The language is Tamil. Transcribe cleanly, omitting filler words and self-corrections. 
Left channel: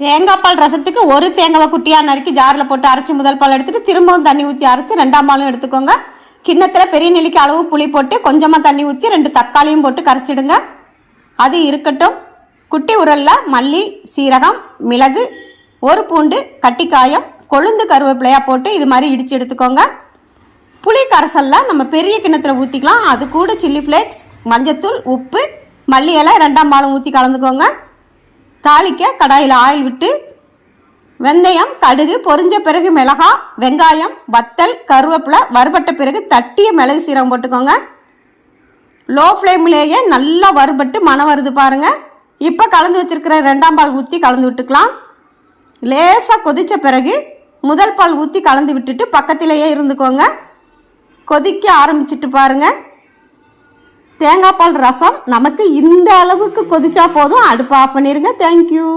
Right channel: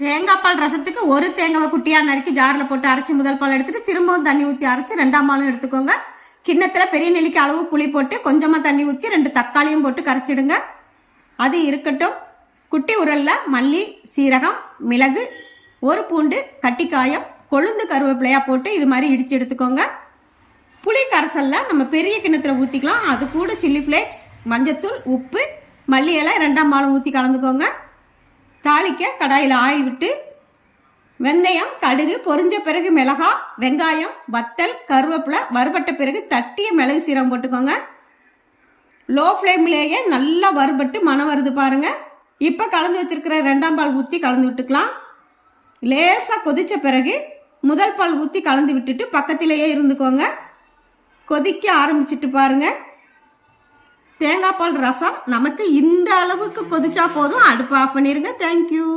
தேங்காய் பால் ரசத்துக்கு ஒரு தேங்காவை குட்டியாக நறுக்கி ஜாரில் போட்டு அரைச்சி முதல் பால் எடுத்துகிட்டு திரும்பவும் தண்ணி ஊற்றி அரைச்சி ரெண்டாம் பாலும் எடுத்துக்கோங்க. கிண்ணத்தில் பெரிய நெல்லிக்கு அளவு புளி போட்டு கொஞ்சமாக தண்ணி ஊற்றி 2 தக்காளியும் போட்டு கரைச்சிடுங்க. அது இருக்கட்டும். குட்டி உரலில் மல்லி, சீரகம், மிளகு, 1 பூண்டு, கட்டிக்காயம், கொழுந்து கருவேப்பிலையாக போட்டு இது மாதிரி இடித்து எடுத்துக்கோங்க. புளி கரைசலில் நம்ம பெரிய கிண்ணத்தில் ஊற்றிக்கலாம். அது கூட சில்லி ஃப்ளேக்ஸ், மஞ்சத்தூள், உப்பு, மல்லி இலை, 2ஆம் பாலும் ஊற்றி கலந்துக்கோங்க. தாளிக்க கடாயில் ஆயில் விட்டு வெந்தயம், கடுகு பொரிஞ்ச பிறகு மிளகாய், வெங்காயம், வத்தல், கருவேப்பிலை வறுபட்ட பிறகு தட்டிய மிளகு சீரகம் போட்டுக்கோங்க. லோ ஃப்ளேம்லேயே நல்லா வறுபட்டு மணம் வருது பாருங்கள். இப்போ கலந்து வச்சுருக்கிற 2ஆம் பால் ஊற்றி கலந்து விட்டுக்கலாம். லேசாக கொதித்த பிறகு முதல் பால் ஊற்றி கலந்து விட்டுட்டு பக்கத்திலேயே இருந்துக்கோங்க. கொதிக்க ஆரம்பிச்சிட்டு பாருங்கள். தேங்காய் பால் ரசம் நமக்கு இந்த அளவுக்கு கொதிச்சா போதும். அடுப்பு ஆஃப் பண்ணிடுங்க. தேங்க்யூ.